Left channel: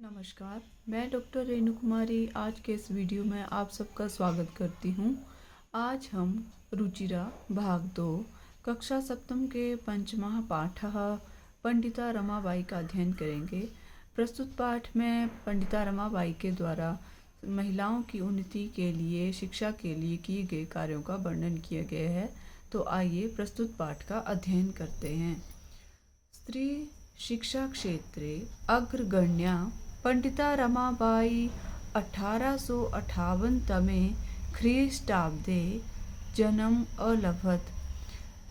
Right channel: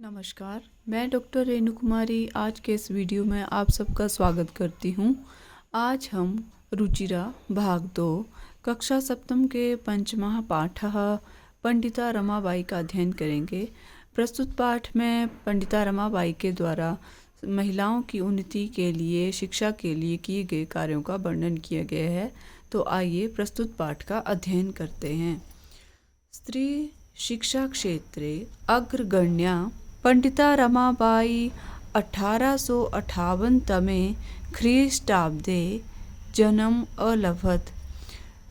नमस्कार, मैं डॉक्टर रेणु कुमारी आज के इस वीडियो में आप सबका स्वागत करती हूँ। आज हम रुचिरा भाग 2 कक्षा सप्तम के पंचमः पाठः पंडिता रमाबाई का अध्ययन करेंगे। प्रस्तुत पाठ में पंडिता रमाबाई के द्वारा महिलाओं की उन्नति के लिए, शिक्षा के लिए किए गए कार्यों का वर्णन किया गया है। तो आइए प्रस्तुत पाठ का अध्ययन करते हैं। स्त्री शिक्षा क्षेत्रे अग्रगण्या पंडिता रमाबाई 1858 तमे ख्रीष्टाब्दे जन्म अलभत।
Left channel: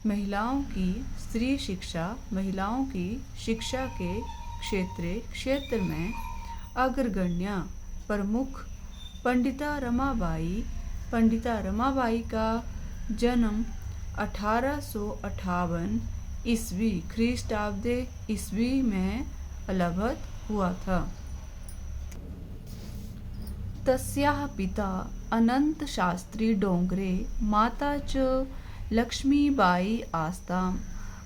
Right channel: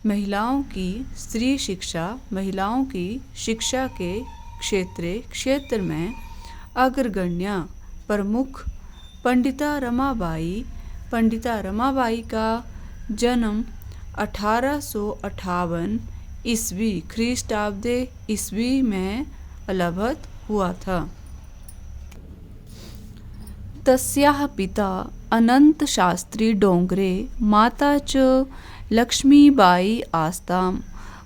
महिलाओं की स्त्री शिक्षा, महिलाओं की शिक्षा के क्षेत्र में अग्रगण्या प्रमुख पंडिता रमाबाई का जन्म 1858 ईस्वी ख्रीष्टाब्दे ईस्वी में अलभत हुआ था। तस्याः पिता अनंत शास्त्री डोंगरे, माता च लक्ष्मीबाई आस्ताम।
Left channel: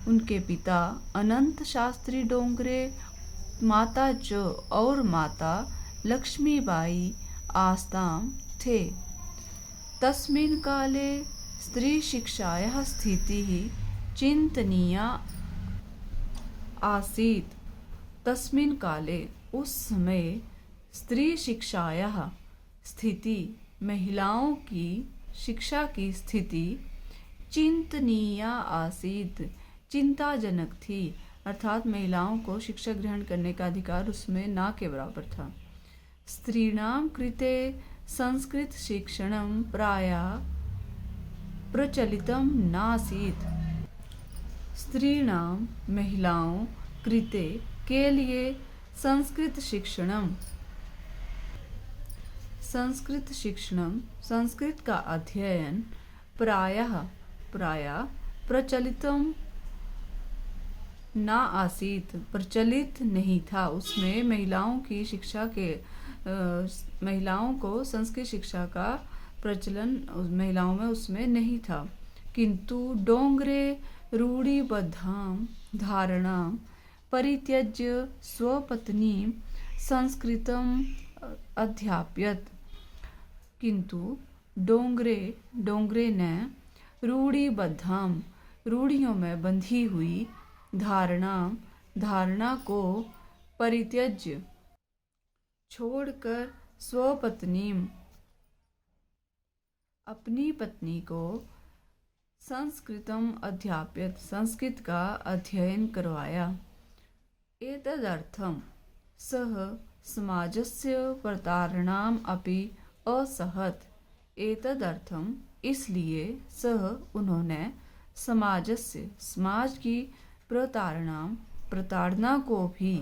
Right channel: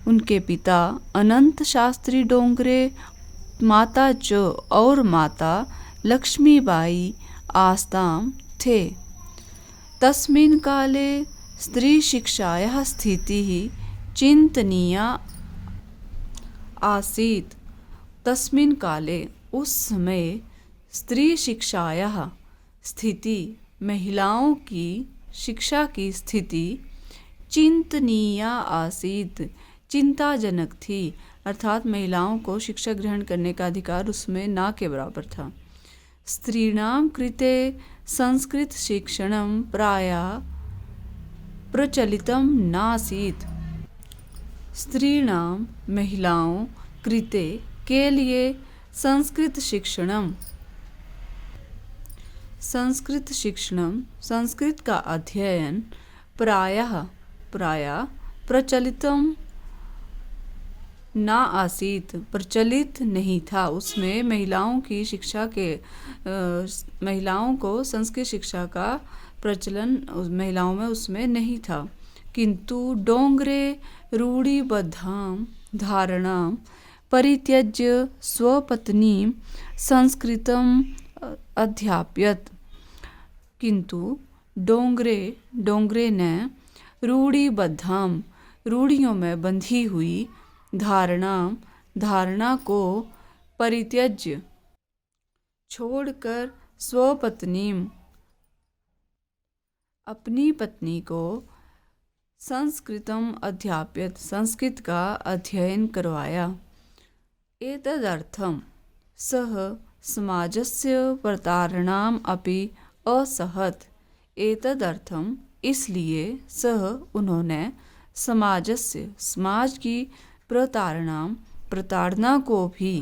उनके पिता अनंत शास्त्री डोंगरे, माता च और माता लक्ष्मीबाई आस्ताम थे। तस्मिन् काले स्त्री शिक्षायाः स्थितिः चिंतनीया आसीत्। तस्मिन् काले उस समय स्त्री शिक्षायाः स्थिति, महिलाओं की शिक्षा की स्थिति चिंतनीया आसीत्, चिंताजनक थी। अर्थात महिलाओं को शिक्षा ग्रहण करने का अधिकार उसमें ना के बराबर था। स्त्रीणां कृते संस्कृत शिक्षणं प्रायः प्रचलितं नासीत्। स्त्रीणां महिलाओं कृते के लिए संस्कृत शिक्षणम संस्कृत का अध्ययन प्रायः प्रचलितम ना आसीत, प्रचलित नहीं था। उसमें महिलाओं की शिक्षा के महिलाओं को संस्कृत शिक्षा का प्रचलन महिलाओं में उसमें नहीं था। किंतु डोंगरे रूढ़िबद्धां धारणां परित्यज्य स्वपत्नीं संस्कृतम् अध्यापयत्। किंतु डोंगरे ने रूढ़िबद्धां, रूढ़ियों में बंधी हुई, धारणा को परित्यज्य छोड़कर स्वपत्नीं अपनी पत्नी को संस्कृतम अध्यापयत्, संस्कृत का अध्ययन करवाया। एतदर्थं सः समाजस्य प्रतारणाम् अपि असहत्। एतदर्थं इसलिए सः उन्होंने समाज की प्रताड़ना को भी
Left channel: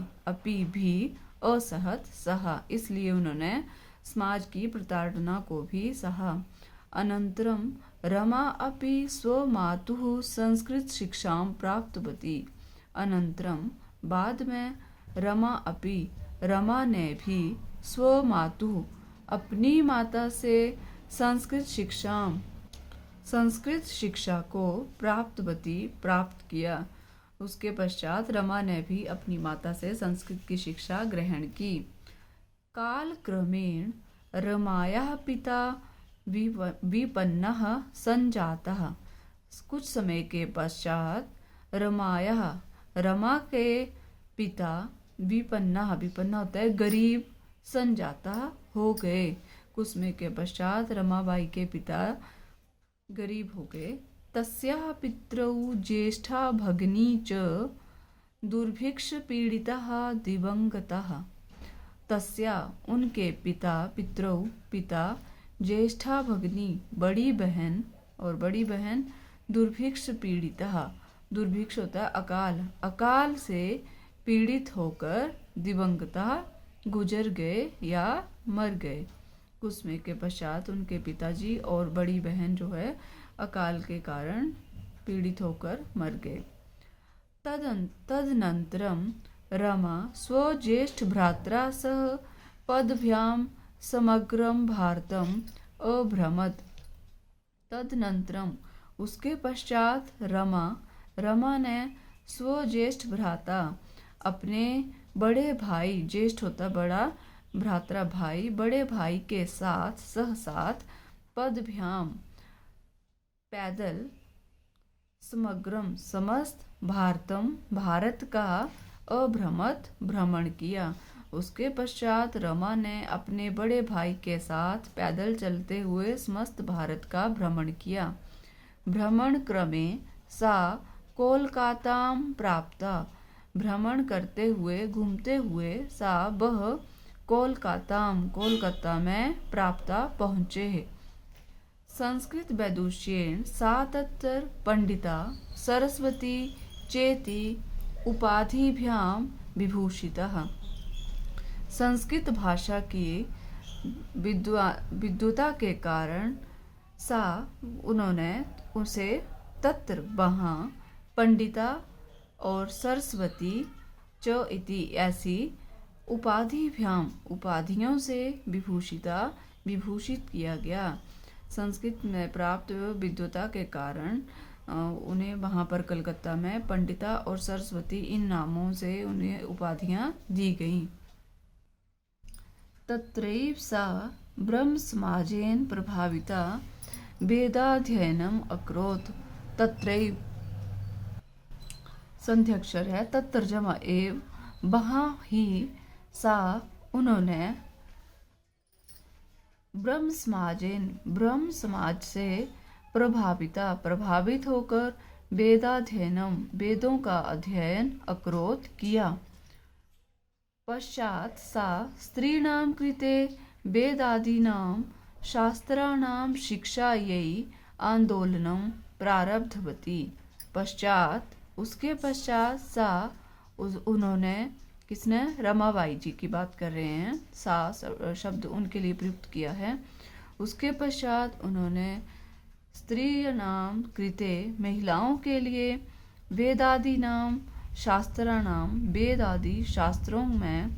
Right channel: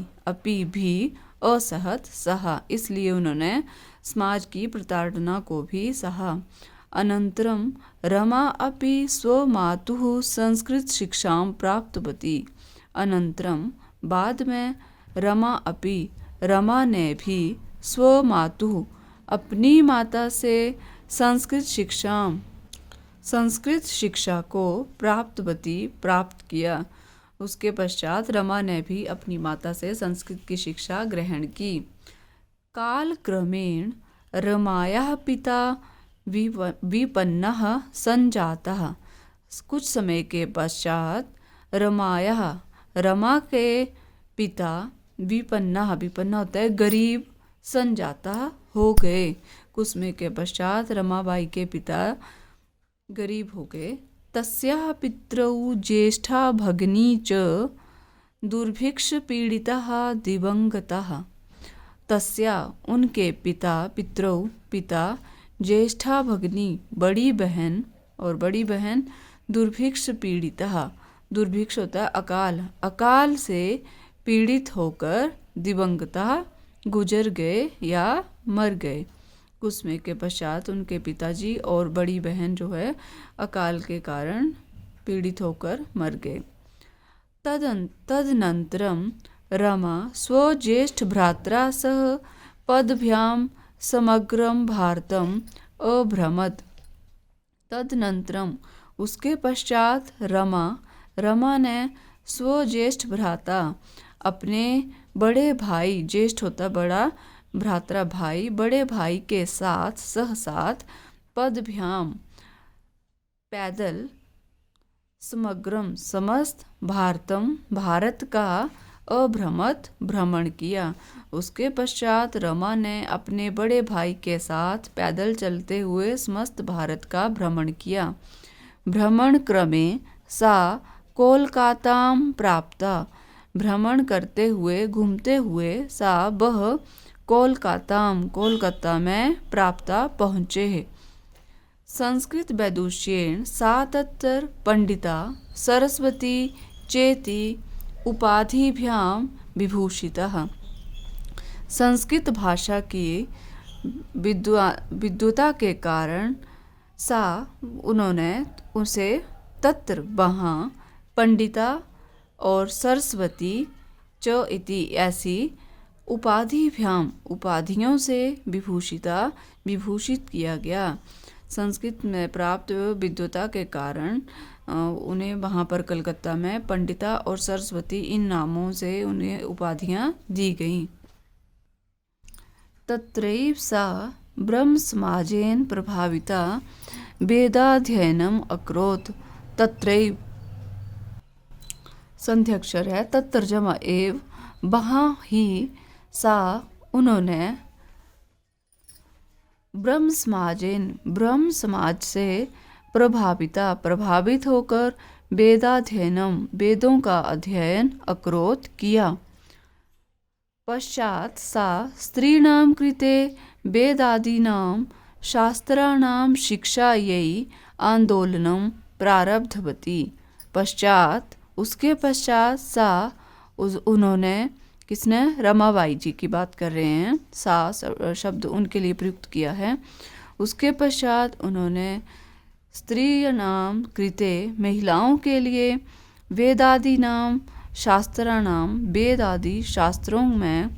असहत सहा, इसलिए उन्होंने समाज की प्रताड़ना को भी सहा। अनन्तरं रमा अपि स्वमातुः संस्कृत शिक्षां प्राप्तवती। अनन्तरं बाद में रमा ने भी स्वमातुः अपनी माता से संस्कृत शिक्षा को प्राप्त किया। उसके पश्चात रमा ने भी अपनी माता से संस्कृत की शिक्षा ग्रहण की। कालक्रमेण रमायाः पिता विपन्नः संजातः। कुछ समय के पश्चात रमा के पिता विपन्ना होता है गरीब, संजाता हो गए। कुछ समय के पश्चात रमाबाई के पिता गरीब हो गए। तस्याः पितरौ ज्येष्ठा भगिनी च दुर्भिक्ष पीड़िताः दिवंगताः। तस्या उनके पिता ज्येष्ठा भगिनी बड़ी बहन दुर्भिक्ष पीड़िता, दुर्भिक्ष होता है अकाल से पीड़ित होकर दिवंगता गुजर गए या मर गए। कुछ समय के पश्चात उनके पिताजी और बड़ी बहन जो है अकाल के कारण पीड़ित होकर मर गए। तदनन्तरं रमा स्वज्येष्ठ भ्रात्रा सह पदभ्यां समग्रं भारतम् अभ्रमत्। तदनन्तरम उसके पश्चात रमा ने स्वज्येष्ठ भ्राता अपने बड़े भाई, ज्येष्ठ होता बड़ा, भ्रातरा भाई, बड़े भाई के साथ साथ पदभ्याम पैदल, समग्रम समस्त, भारतम भारत का, अभ्रमत भ्रमण किया। उसके पश्चात रमा ने अपने बड़े भाई के साथ पैदल चलते हुए समस्त भारत का भ्रमण किया। भ्रमण क्रमे सा कोलकाताम प्राप्ता, भ्रमण करते हुए घूमते हुए सा वह कोलकाताम कोलकाता में प्राप्ता पहुँचे। संस्कृत वैदुष्येण सा तत्र पंडिता सरस्वती चेति उपाधिभ्याम विभूषितः। संस्कृत भाषा की विद्वता के कारण सा उन्होंने उसे तत्र वहाँ पंडिता और सरस्वती च इति ऐसी उपाधिभ्याम उपाधियों से विभूषित किया गया। संस्कृत में प्राप्त विद्वता के कारण उन्हें वहाँ पर कलकत्ता में पंडिता और सरस्वती इन नामों से उन्हें उपाधियाँ दी गईं। तत्रैव सा ब्रह्म समाजेन प्रभाविता वेदाध्ययनम अकरोत्। तत्रैव संध्यक्षर है, तत्र जमा एव, वहाँ ही सा उन्होंने ब्रह्म समाज से प्रभावित होकर वेदाध्ययनम वेदों का अध्ययन अकरोत् किया। पश्चात सा स्त्रीणां कृते वेदादीनां शास्त्राणां शिक्षायै आंदोलनं प्रारब्धवती। उसके पश्चात सा उन्होंने, किसने, रमाबाई जी की बात कर रहे हैं, सा शब्द उनके लिए प्रयुक्त किया है। उसके पश्चात उन्होंने स्त्रीणां कृते महिलाओं के लिए वेदादि नाम शास्त्राणाम वेद आदि शास्त्रों में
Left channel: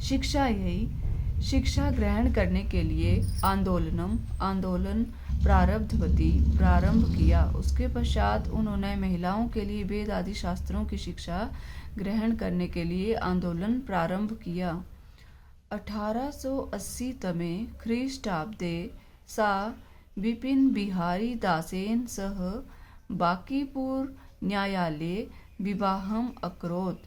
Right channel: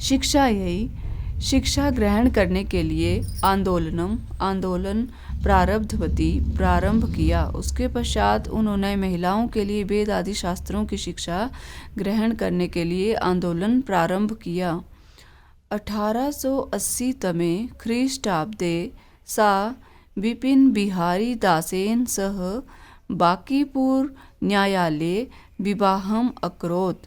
शिक्षा ग्रहण करने के लिए आंदोलन प्रारंभ किया। उसके पश्चात उन्होंने महिलाओं के लिए वेद आदि शास्त्रों की शिक्षा ग्रहण करने के लिए आंदोलन प्रारंभ किया। 1880 तमे ख्रीष्टाब्दे सा विपिन बिहारी दासेन सह बांकीपुर न्यायालये विवाहम अकरोत्।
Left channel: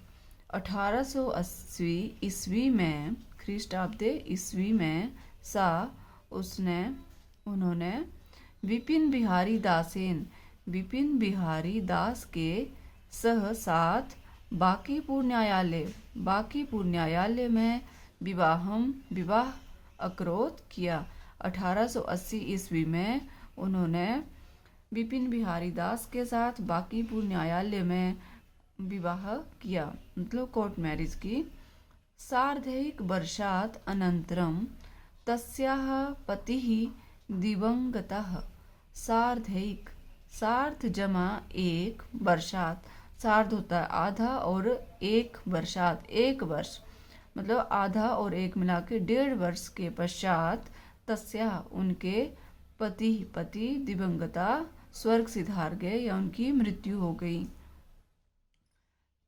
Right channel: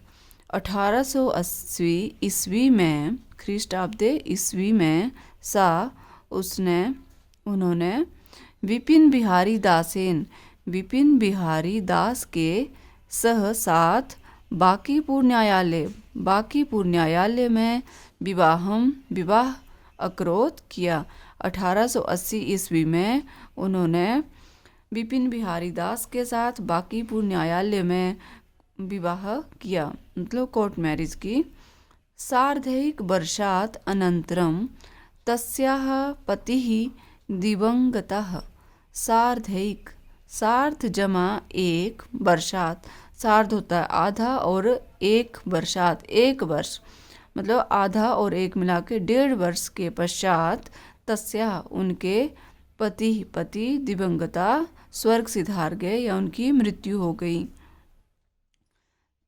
1880 ईस्वी में, ख्रीष्टाब्दे ईस्वी में, उन्होंने विपिन बिहारी दास के साथ बांकीपुर न्यायालय में विवाह अकरोत् किया। 1880 ईस्वी में उन्होंने विपिन बिहारी दास के साथ बांकीपुर न्यायालय में विवाह किया, मतलब कोर्ट मैरिज की। सार्धैक वर्षात् अनन्तरं तस्याः पतिः दिवंगतः। सार्ध जमा एक, वर्षात, सार्ध होता है आधा और एक, वर्षात एक वर्ष, मतलब आधा और एक मिला के 1.5 वर्ष के पश्चात तस्या उनके पति दिवंगता स्वर्ग सिधार गए या उनकी मृत्यु हो गई।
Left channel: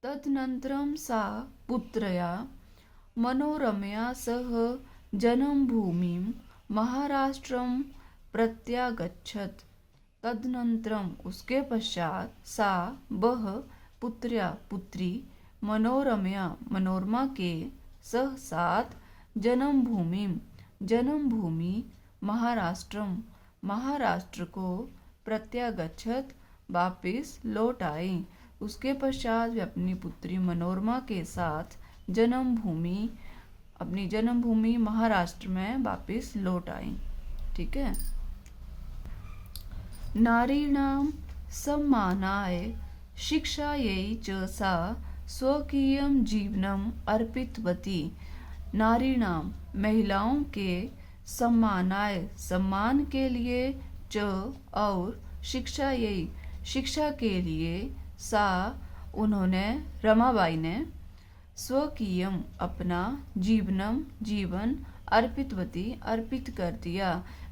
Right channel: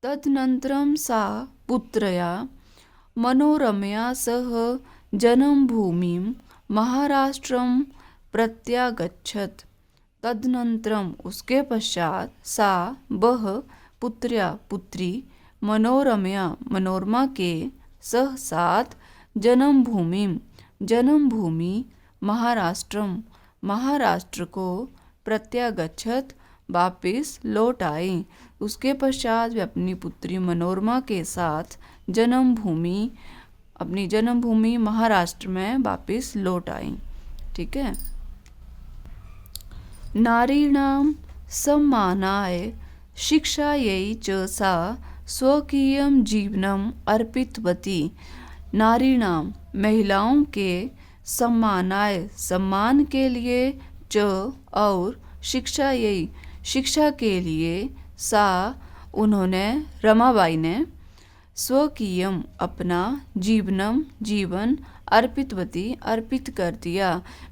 तदनन्तरं सा पुत्रया मनोरमया सह जन्मभूमिं महाराष्ट्रं प्रत्यागच्छत्। तदनन्तरम उसके पश्चात सा वह पुत्री मनोरमा के साथ जन्मभूमि महाराष्ट्र को प्रत्यागच्छत वापिस लौट आई। उसके पश्चात वे अपनी पुत्री मनोरमा के साथ अपनी जन्मभूमि महाराष्ट्र में वापिस लौट आई। ठीक है। नारीणां सम्मानाय शिक्षायै च सा स्वकीयं जीवनम् अर्पितवती। नारीणां महिलाओं के सम्मानाय सम्मान के लिए च और शिक्षा के लिए सा उन्होंने, रमाबाई ने, स्वकीयम अपना, जीवन अर्पित कर दिया।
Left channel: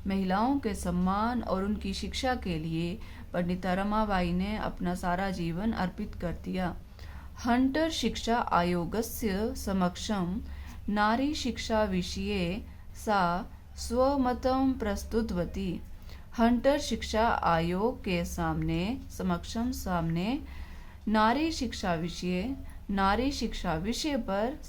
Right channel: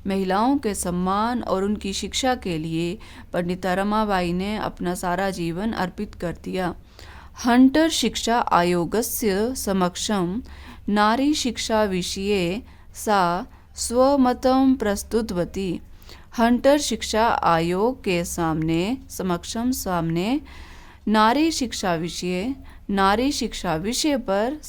महिलाओं के सम्मान और उनकी शिक्षा के लिए पंडिता रमाबाई ने अपना सारा जीवन अर्पित कर दिया। हंटर शिक्षा आयोगस्य समक्षं नारी शिक्षा विषये सा स्वमतं प्रस्तुतवती। हंटर शिक्षा आयोग के सामने नारी शिक्षा विषय पर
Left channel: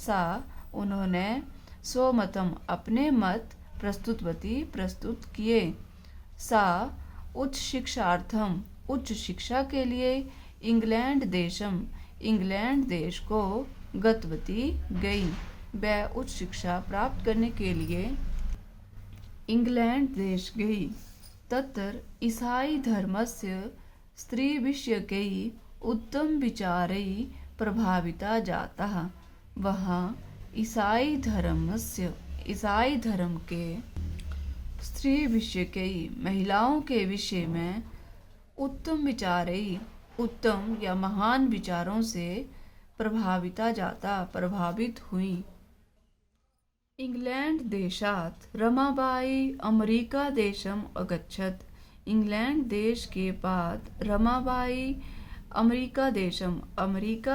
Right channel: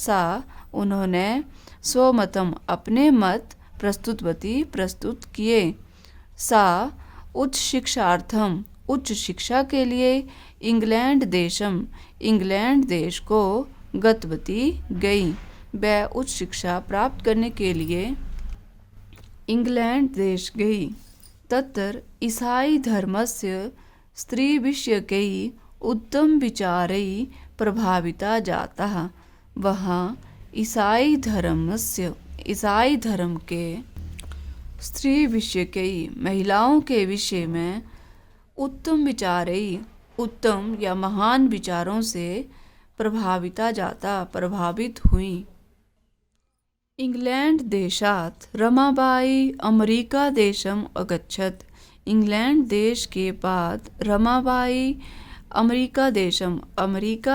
उन्होंने स्वमतम अपने मत प्रस्तुत किए। सा उच्च शिक्षा के लिए इंग्लैंड देश को गतवती गई। वह उच्च शिक्षा प्राप्त करने के लिए इंग्लैंड देश गई। तत्र ईसाई धर्मस्य स्त्रीविषयकै उत्तम विचारैः प्रभाविता जाता। वहाँ ईसाई धर्म के स्त्री विषयकै महिलाओं के विषय में उत्तम या महान विचारों से प्रभावित हुई। इंग्लैंड देशात् रमाबाई अमेरिका देशम अगच्छत। इंग्लैंड देश के बाद रमाबाई अमेरिका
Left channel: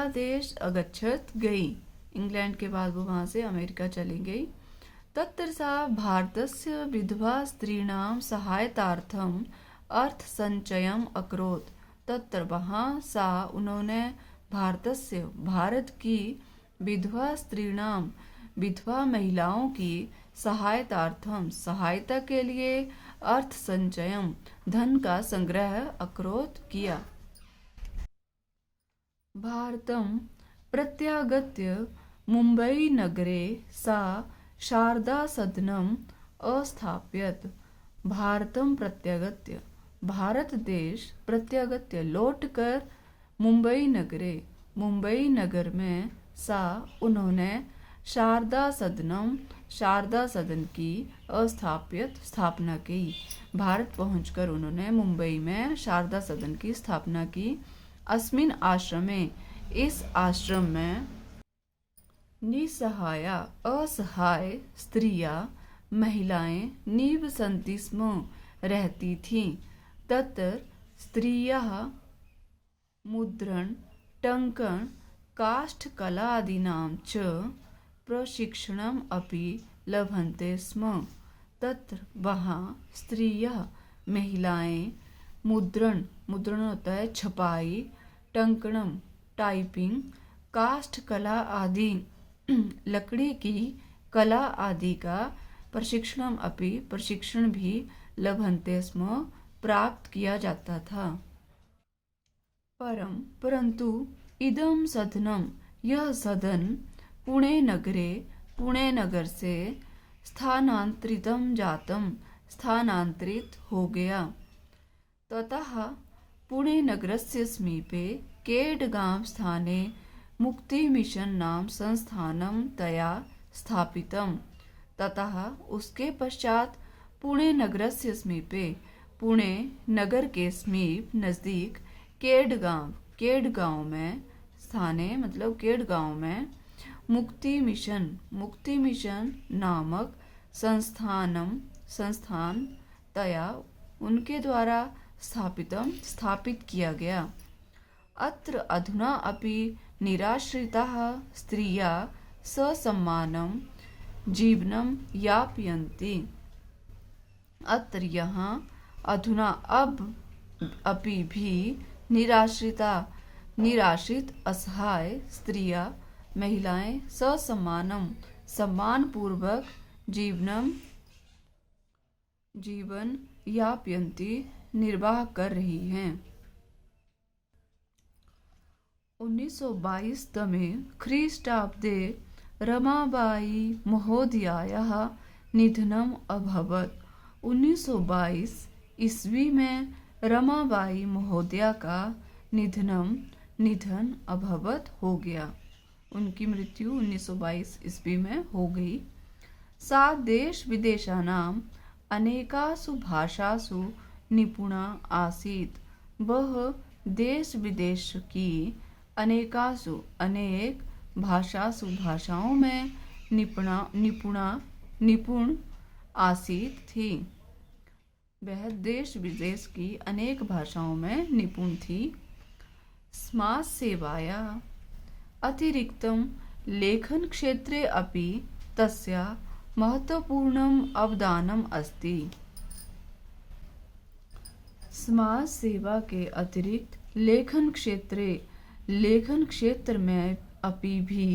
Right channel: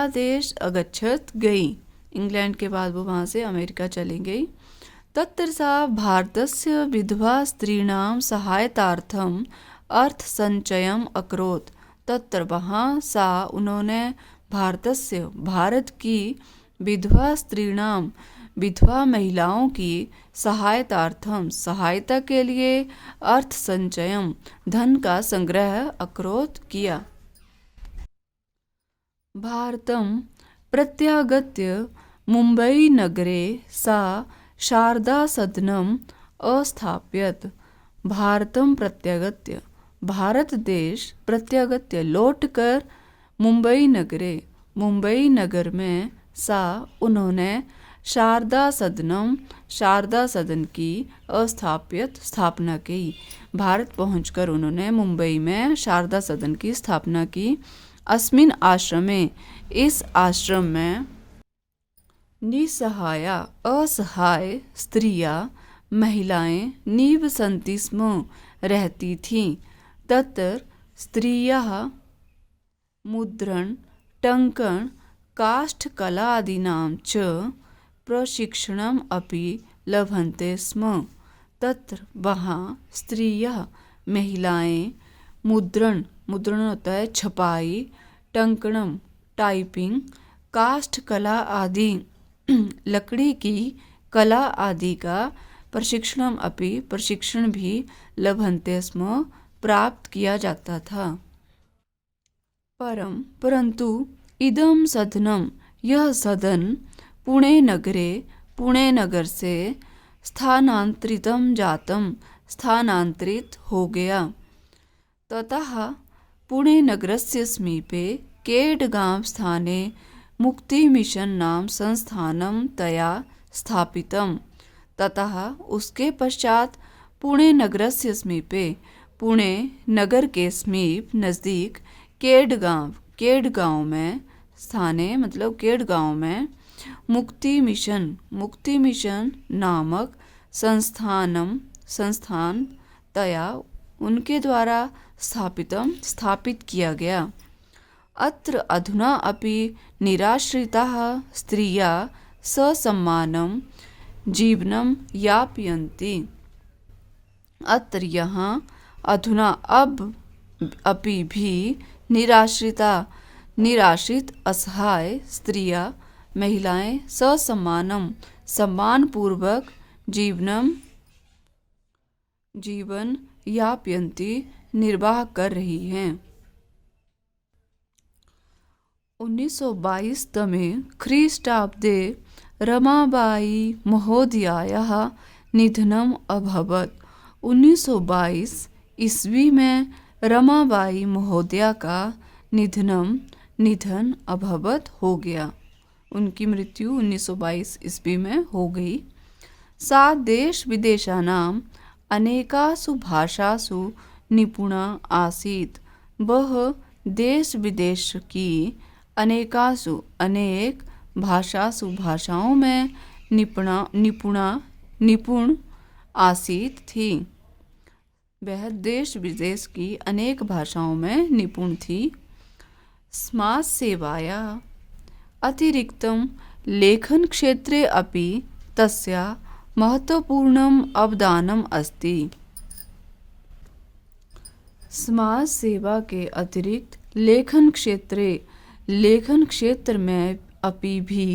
देश अगच्छत गई। इंग्लैंड के बाद वो वहाँ से अमेरिका चली गई। तत्र सा भारतस्य विधवा स्त्रीणां सहायतार्थम अर्थसंचयम् अकरोत्। तत्र वहाँ उन्होंने भारत की विधवा महिलाओं की सहायता के लिए अर्थ संचयम धन का संग्रह अकरोत् किया। भारतं प्रत्यागत्य मुंबई नगरे सा शारदा सदनम अस्थाप्यत। भारत देश प्रत्यागत्य लौटकर मुंबई नगर में उन्होंने शारदा सदन की स्थापना की। भारत पहुंचकर उन्होंने मुंबई में शारदा सदन की स्थापना की। अस्मिन् आश्रमे इस आश्रम में असहाय स्त्रियां महिलाएं निवसन्ति स्म रहती थीं। तत्र स्त्रियः मुद्रण टङ्कन काष्ठकलादीनां च प्रशिक्षणम् अपि लभन्ते स्म। तत्र वहाँ स्त्रियः महिलाएं मुद्रण होता है छपाई, टंकणम टाइपिंग, काष्ठ कला आदि लकड़ी की कला आदि का प्रशिक्षण भी लभन्ते स्म प्राप्त किया जाता था। परंतु इदं सदनम यह सदन पुणे नगर से स्थानांतरित हो गया। ततः पुणे नगरस्य समीपे केडगांव स्थाने मुक्ति मिशन नाम संस्थानम तया स्थापितम। ततः उसके पश्चात पुणे नगरस्य समीपे पुणे नगर के नज़दीक केडगांव में स्थाने मतलब केडगांव में मुक्ति मिशन नामक संस्थान तया उनके द्वारा स्थापित किया गया। अत्र अधुना अपि निराश्रिताः स्त्रियः ससम्मानं जीवनं यापयन्ति। अत्र यहाँ अधुना अभी भी निराश्रित असहाय स्त्रियां महिलाएं सम्मान पूर्वक जीवन यापयन्ति निर्वाह कर रही हैं। 1922 तमे ख्रीष्टाब्दे रमाबाई महोदयायाः निधनम् अभवत्। 1922 ईस्वी में रमाबाई महोदया का निधन अभवत हो गया। उनकी मृत्यु 1922 ईस्वी में हो गई। सा देश विदेशानां अनेकासु भाषासु निपुणा आसीत्। वह देश विदेश की अनेक भाषाओं में निपुण आसीत् थी। वह देश विदेश की अनेक भाषाओं में निपुण थी। समाज सेवाया अतिरिक्तं लेखनक्षेत्रे अपि तस्याः महत्वपूर्णम् अवदानम् अस्ति। समाज सेवा के अतिरिक्त लेखन क्षेत्र में अपि भी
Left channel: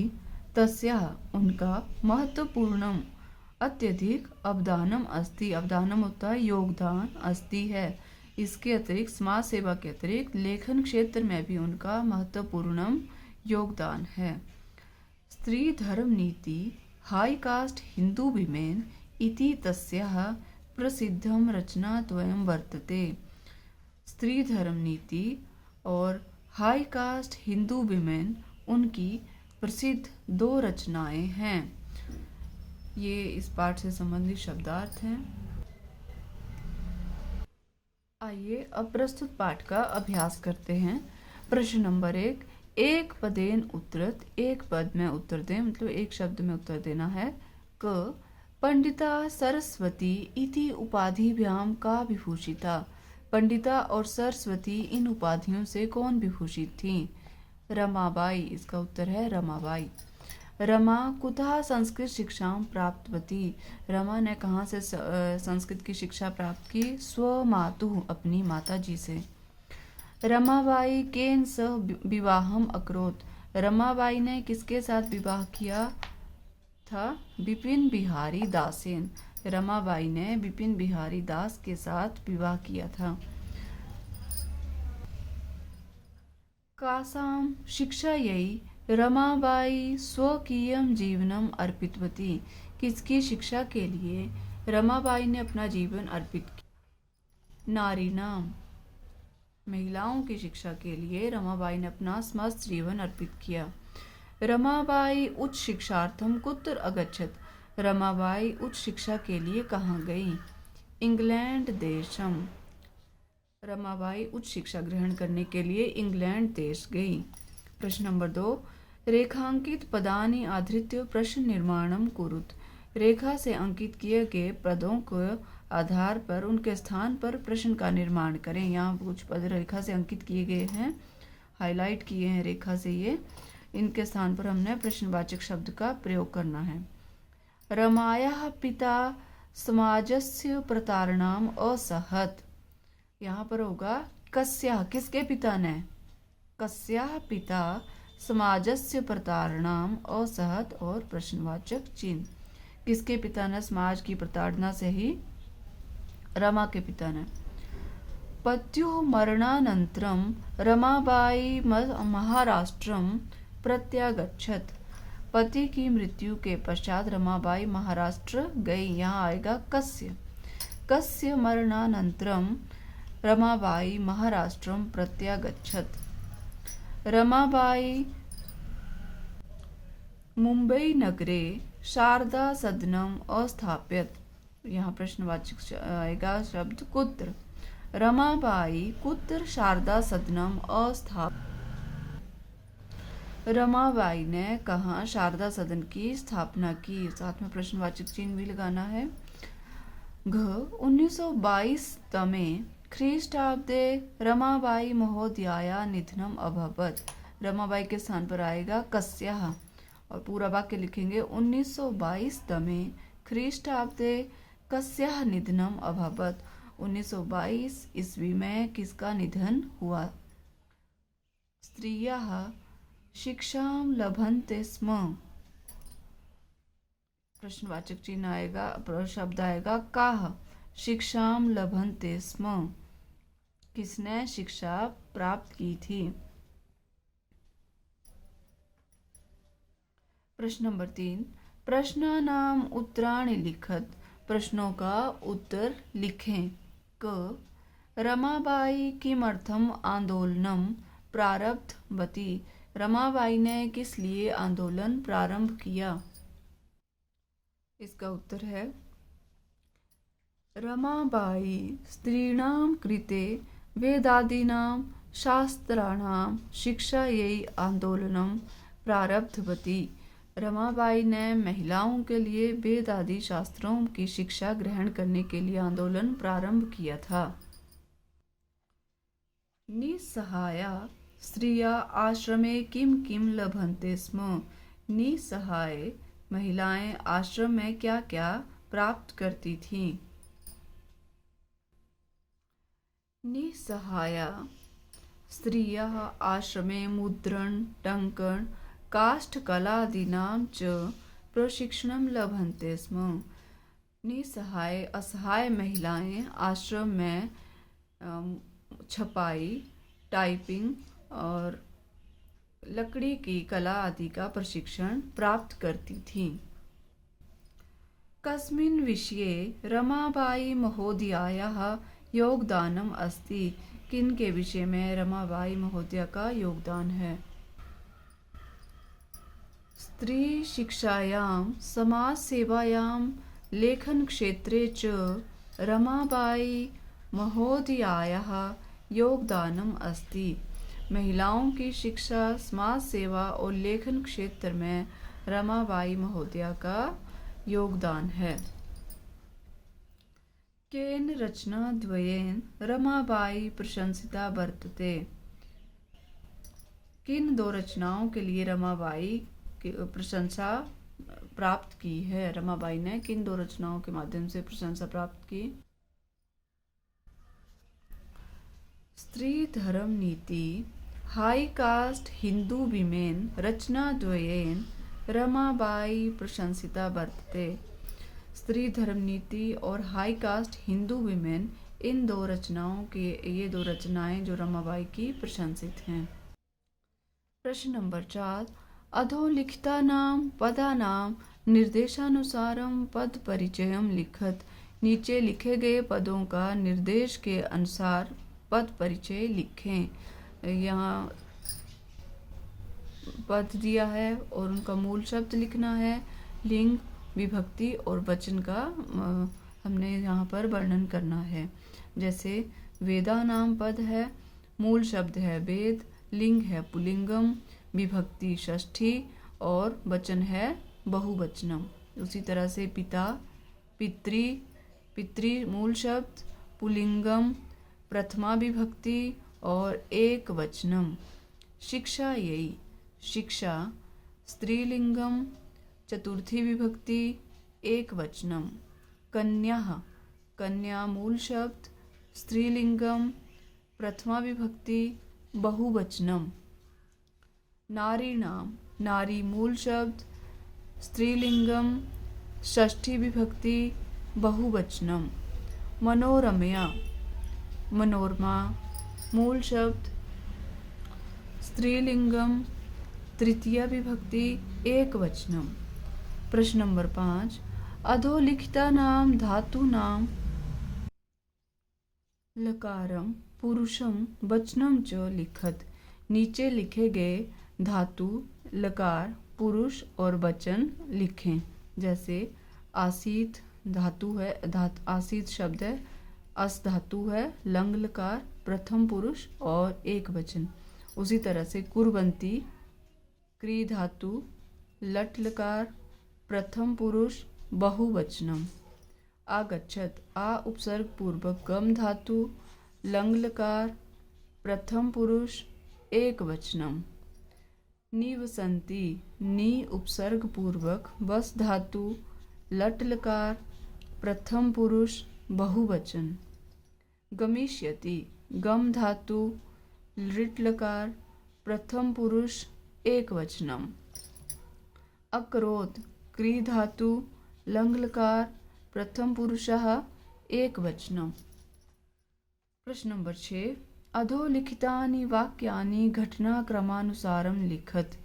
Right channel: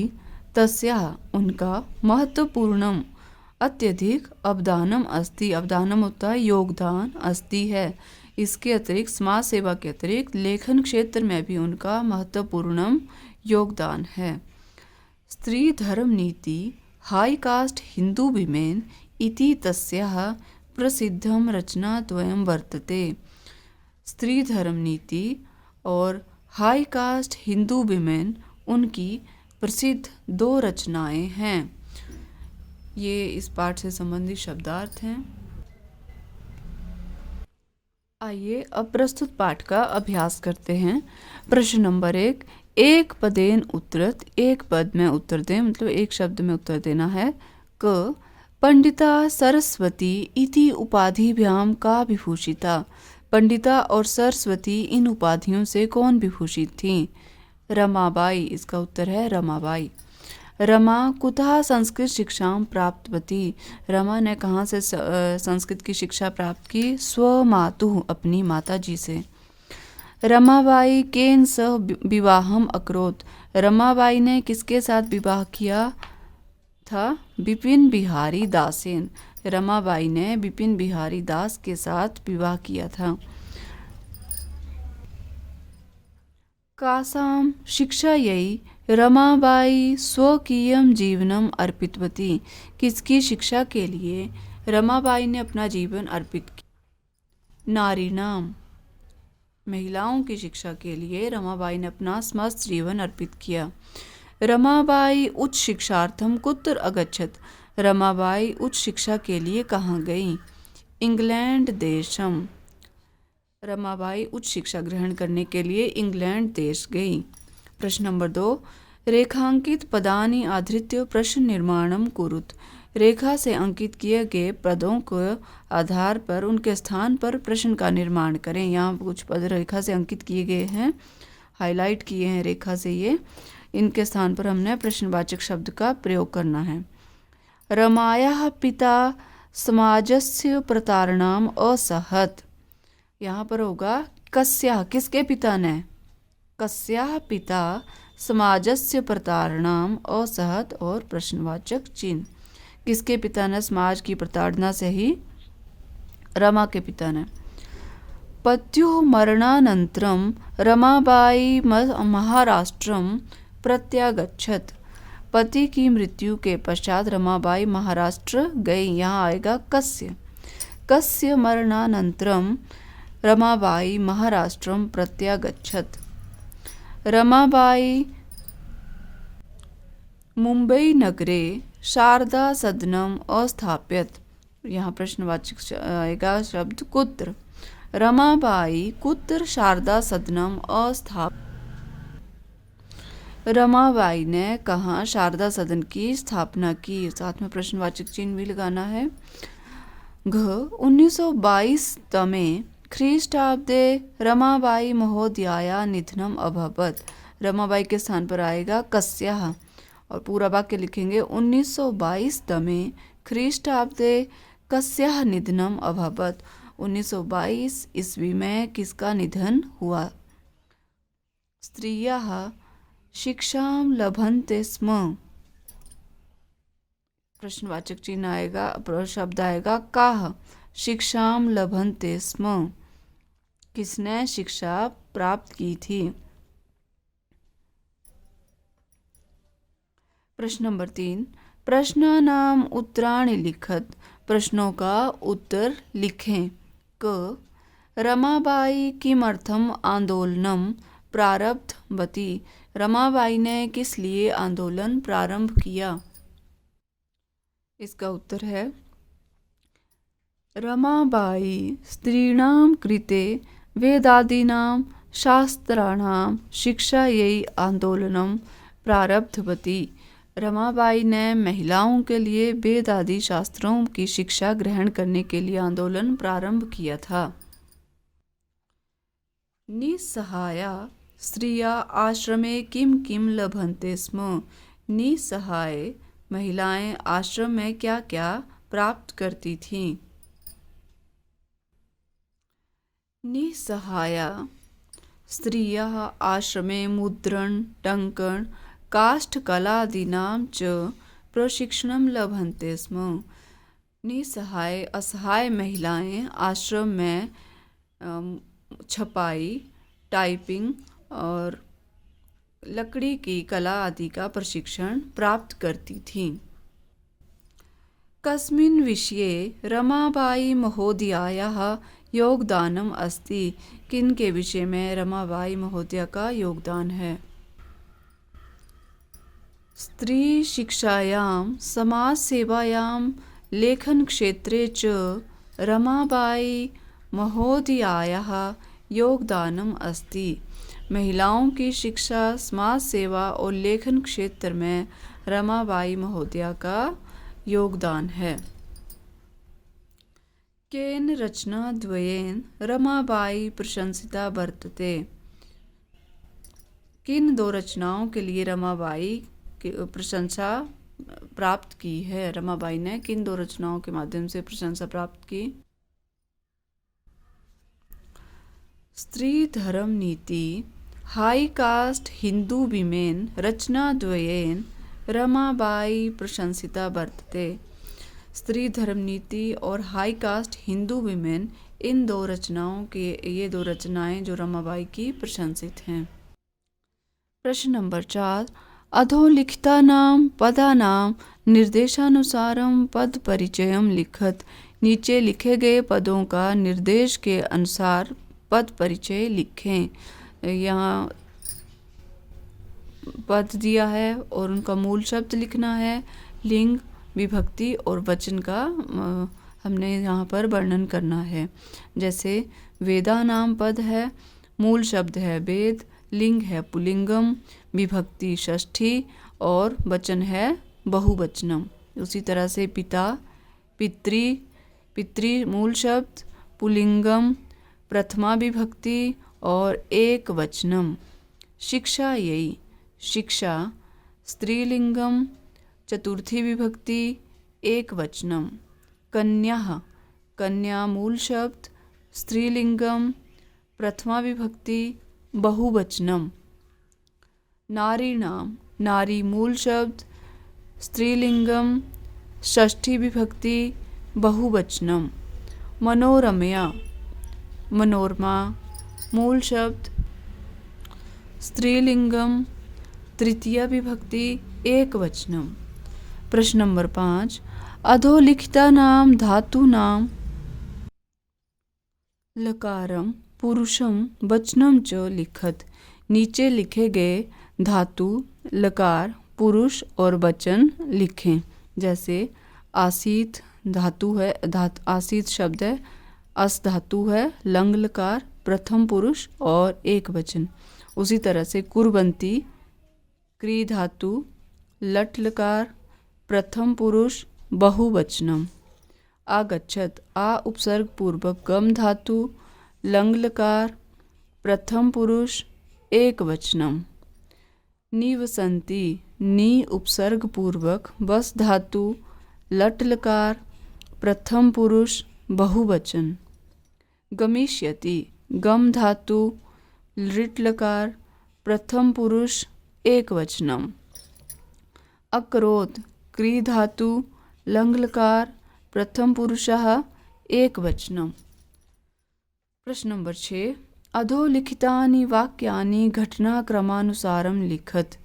तस्याः उनका महत्वपूर्णम अत्यधिक अवदानम अस्ति। अवदानम होता है योगदान, अस्ति है। इसके अतिरिक्त समाज सेवा के अतिरिक्त लेखन क्षेत्र में भी उनका महत्वपूर्णम योगदान है। स्त्री धर्म नीति हाई कास्ट हिंदू विमेन इति तस्याः प्रसिद्धम रचनाद्वयं वर्तते। स्त्री धर्म नीति और हाई कास्ट हिंदू विमेन उनकी प्रसिद्ध 2 रचनाएं हैं। ये इस पाठ से संबंधित शब्दार्थ हैं। आइए अब प्रस्तुत पाठ का अभ्यास करते हैं। प्रश्न नंबर 1, एक पदेन उत्तरत, एक पद में उत्तर दें, मतलब एक शब्द में उत्तर देना है। क पंडिता सरस्वती इति उपाधिभ्याम का विभूषिता। पंडिता और सरस्वती इन उपाधियों से कौन विभूषित थी? रमाबाई। इसका उत्तर है रमाबाई। रमा कुतः संस्कृत शिक्षा प्राप्तवती। रमा ने कहाँ से संस्कृत की शिक्षा प्राप्त की? स्वमातुः, अपनी माता जी से। रमाबाई केन सह विवाहम अकरोत्। रमाबाई ने किसके साथ विवाह किया था? बिपिन बिहारी दासेन। रमाबाई ने बिपिन बिहारी दास के साथ विवाह किया था। कासां शिक्षायै रमाबाई स्वकीयं जीवनम अर्पितवती। किसकी शिक्षा के लिए रमाबाई ने अपना जीवन अर्पित किया? नारीणाम, महिलाओं की शिक्षा के लिए रमाबाई ने अपना समस्त जीवन अर्पित किया। रमाबाई उच्च शिक्षार्थम कुत्र अगच्छत। रमाबाई उच्च शिक्षा के लिए कहाँ गई? इंग्लैंड देशम। रमाबाई उच्च शिक्षा ग्रहण करने के लिए इंग्लैंड देश गई। प्रश्न नंबर 2, रेखांकित पदानि आधृत्य प्रश्न निर्माणम कुरुत। रेखा से अंकित किए गए पदों के आधार पर उनके स्थान पर प्रश्न का निर्माण करें। यहाँ कुछ पद रेखा से अंकित किए गए हैं, हाईलाइट किए हैं रेखा से। ये इनके स्थान पर हमने प्रश्नवाचक शब्द का प्रयोग करना है। रमायाः पिता समाजस्य प्रतारणाम असहत। यहाँ पर होगा कस्याः, किसके पिता ने? कस्याः पिता समाजस्य प्रतारणाम असहत और प्रश्नवाचक चिन्ह। किसके पिता ने समाज की प्रताड़ना से ही? रमा के पिता ने। पत्युः मरणानन्तरं रमाबाई महाराष्ट्रम प्रत्यागच्छत। पति की मृत्यु के पश्चात रमाबाई महाराष्ट्र गई। यहाँ आएगा कस्य। कस्य मरणानन्तरं रमाबाई महाराष्ट्रम प्रत्यागच्छत। रमाबाई मुंबई नगरे शारदा सदनम अस्थाप्यत। यहाँ प्रश्नवाचक आएगा शब्द कुत्र। रमाबाई कुत्र शारदा सदनम अस्थाप्यत। रमाबाई ने कहाँ शारदा सदन की स्थापना की? साथ में प्रश्नवाचक चिन्ह भी लगाना है। घ 1922 तमे ख्रीष्टाब्दे रमाबाई महोदयाया निधनम अभवत। रमाबाई के स्थान पर आएगा कस्याः और पूरा वाक्य लिखेंगे 1922 तमे ख्रीष्टाब्दे कस्याः निधनम अभवत। 1922 ईस्वी में किसका निधन हुआ? स्त्रियः शिक्षां लभन्ते स्म। प्रश्नवाचक चिन्ह आएगा, शब्द आएगा काः। शिक्षां लभन्ते स्म, किसने शिक्षा प्राप्त की थी? प्रश्न नंबर 3, प्रश्नानाम उत्तराणि लिखत। प्रश्नों का उत्तर लिखें। क रमाबाई किमर्थम आंदोलनम प्रारब्धवती। रमाबाई ने किस लिए आंदोलन प्रारंभ किया? इसका उत्तर है रमाबाई स्त्रीणां कृते वेदादीनां शास्त्राणां शिक्षायै आंदोलनं प्रारब्धवती। रमाबाई ने महिलाओं के लिए वेद आदि शास्त्रों की शिक्षा ग्रहण करने के लिए आंदोलन प्रारंभ किया था। निस्सहाया स्त्रिया आश्रमे किम किम लभन्ते स्म। निसहाय महिलाएं आश्रम में क्या क्या प्राप्त करती थीं। निसहाया स्त्रियः आश्रमे मुद्रण टङ्कण काष्ठकलादीनां च प्रशिक्षणं लभन्ते स्म। निसहाय असहाय महिलाएं आश्रम में छपाई टाइपिंग और लकड़ी की कला आदि का प्रशिक्षण प्राप्त करती थीं। कस्मिन् विषये रमाबाई महोदयायाः योगदानम् अस्ति। किन के विषय में रमाबाई महोदया का योगदान है। स्त्री शिक्षायां समाज सेवायां लेखन क्षेत्रे च रमाबाई महोदयायाः योगदानम् अस्ति। महिलाओं की शिक्षा समाज सेवा और लेखन क्षेत्र में रमाबाई महोदया का योगदान है। केन रचनाद्वयेन रमाबाई प्रशंसिता वर्तते। किन दो रचनाओं के लिए रमाबाई की प्रशंसा प्राप्त की है। रमाबाई ने किन दो रचनाओं के माध्यम से प्रशंसा प्राप्त की। स्त्री धर्म नीति हाई कास्ट हिंदू विमेन रचनाद्वयेन रमाबाई प्रशंसिता वर्तते। स्त्री धर्म नीति और हाई कास्ट हिंदू विमेन इन दो रचनाओं के ये दो रचनाएं जो रमाबाई की प्रशंसित हैं। प्रश्न नंबर 4 अधोलिखितानां पदानां निर्देशानुसारं पद परिचयं लिखत। नीचे लिखे गए पदों का निर्देश के अनुसार पद परिचय लिखें। यहाँ पद दिया है और उनका मूल शब्द लिखना है। लिंग विभक्ति और वचन का हमने यहाँ पर वर्णन करना है। जैसे वेदा नाम पद है, मूल शब्द है वेद, लिंग है पुल्लिंगम, विभक्ति षष्ठी और वचन है बहुवचनम। उसी तरह से पिता पितृ पितृ मूल शब्द पुल्लिंगम प्रथमा विभक्ति और एक वचनम। शिक्षा यही शिक्षा स्त्रीलिंगम चतुर्थी विभक्ति एक वचनम। कन्या कन्या मूल शब्द स्त्रीलिंगम प्रथमा विभक्ति बहुवचनम। नारीणाम नारी मूल शब्द स्त्रीलिंगम षष्ठी विभक्ति बहुवचनम। मनोरमया मनोरमा मूल शब्द स्त्रीलिंगम तृतीया विभक्ति एक वचनम। प्रश्न नंबर 5 अधोलिखितानां धातूनां लकारं पुरुषं वचनं च लिखत। नीचे लिखे गए धातु लकार पुरुष और वचन लिखें। जैसे आसीत धातु है आसीत शब्द है, अस धातु है, लंग लकार प्रथम पुरुष और एक वचन। उसी तरह से कुर्वन्ती क्री धातु लट लकार प्रथम पुरुष बहुवचनम। आगच्छत आ उपसर्ग पूर्वक गम धातु लंग लकार प्रथम पुरुष एक वचनम। निवसन्ति नी उपसर्ग पूर्वक वस धातु लट लकार प्रथम पुरुष बहुवचन। गमिष्यति गम धातु लिट लकार प्रथम पुरुष एक वचनम। अकरोत् क्री धातु लंग लकार प्रथम पुरुषः एक वचनम। प्रश्न नंबर 6 अधोलिखितानि वाक्यानि घटनाक्रमानुसारं लिखत।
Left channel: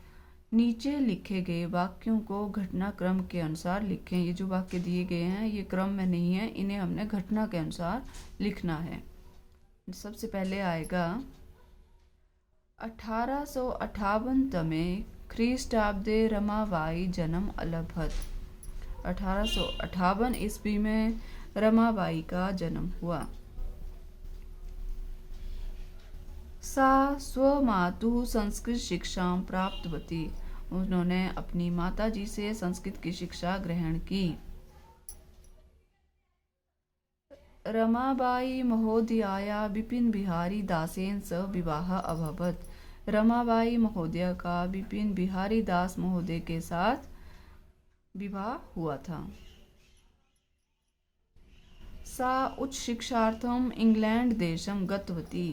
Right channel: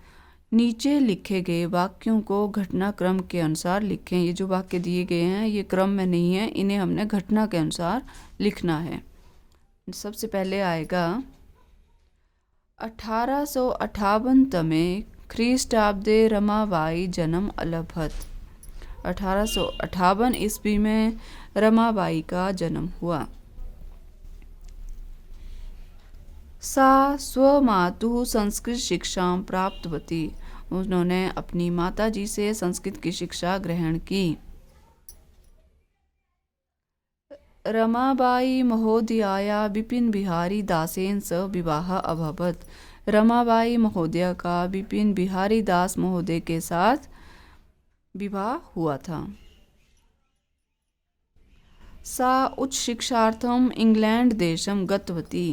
नीचे लिखे गए वाक्यों को घटनाक्रम के अनुसार लिखें। ये जो वाक्य दिए गए हैं ये क्रम में नहीं है, इन्हें हमने घटना के अनुसार लिखना है। सबसे पहले आएगा 1858 तमे ख्रीष्टाब्दे रमाबाई जन्म अलभत। 1858 ईस्वी में रमाबाई का जन्म हुआ। सा स्वमातुः संस्कृत शिक्षा प्राप्तवती। उन्होंने अपनी माताजी से संस्कृत की शिक्षा ग्रहण की। रमाबाई महोदयाया बिपिन बिहारी दासेन सह विवाह अभवत। रमाबाई महोदया का विपिन बिहारी दास महोदय के साथ विवाह हुआ था। सा उच्च शिक्षार्थम इंग्लैंड देशम गतवती।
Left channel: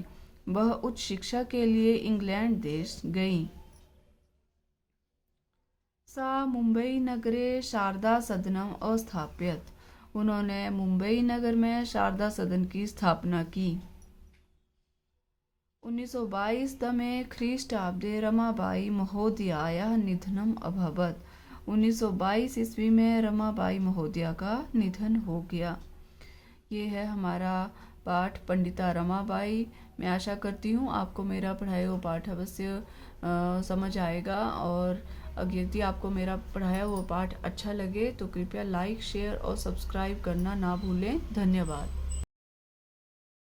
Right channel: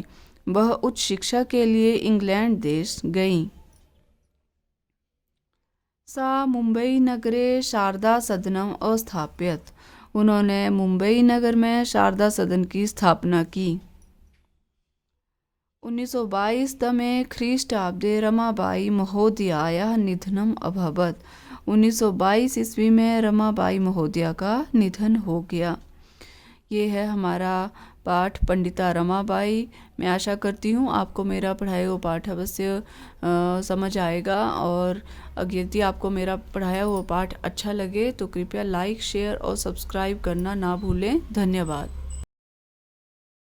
वह उच्च शिक्षा के लिए इंग्लैंड देश गईं। सा मुंबई नगरे शारदा सदनम अस्थाप्यत। उन्होंने मुंबई नगर में शारदा सदन की स्थापना की। 1922 तमे ख्रीष्टाब्दे रमाबाई महोदयायाः निधनम अभवत्। 1922 ईस्वी में रमाबाई महोदया का निधन हो गया। ये है हमारा पाठ पंडिता रमाबाई। मैं आशा करती हूँ आपको मेरा पढ़ाया हुआ पाठ अवश्य समझ आएगा, और यदि आपको मेरा पढ़ाया हुआ पाठ अच्छा लगे तो कृपया लाइक, शेयर और सब्सक्राइब करना ना भूलें। धन्यवाद।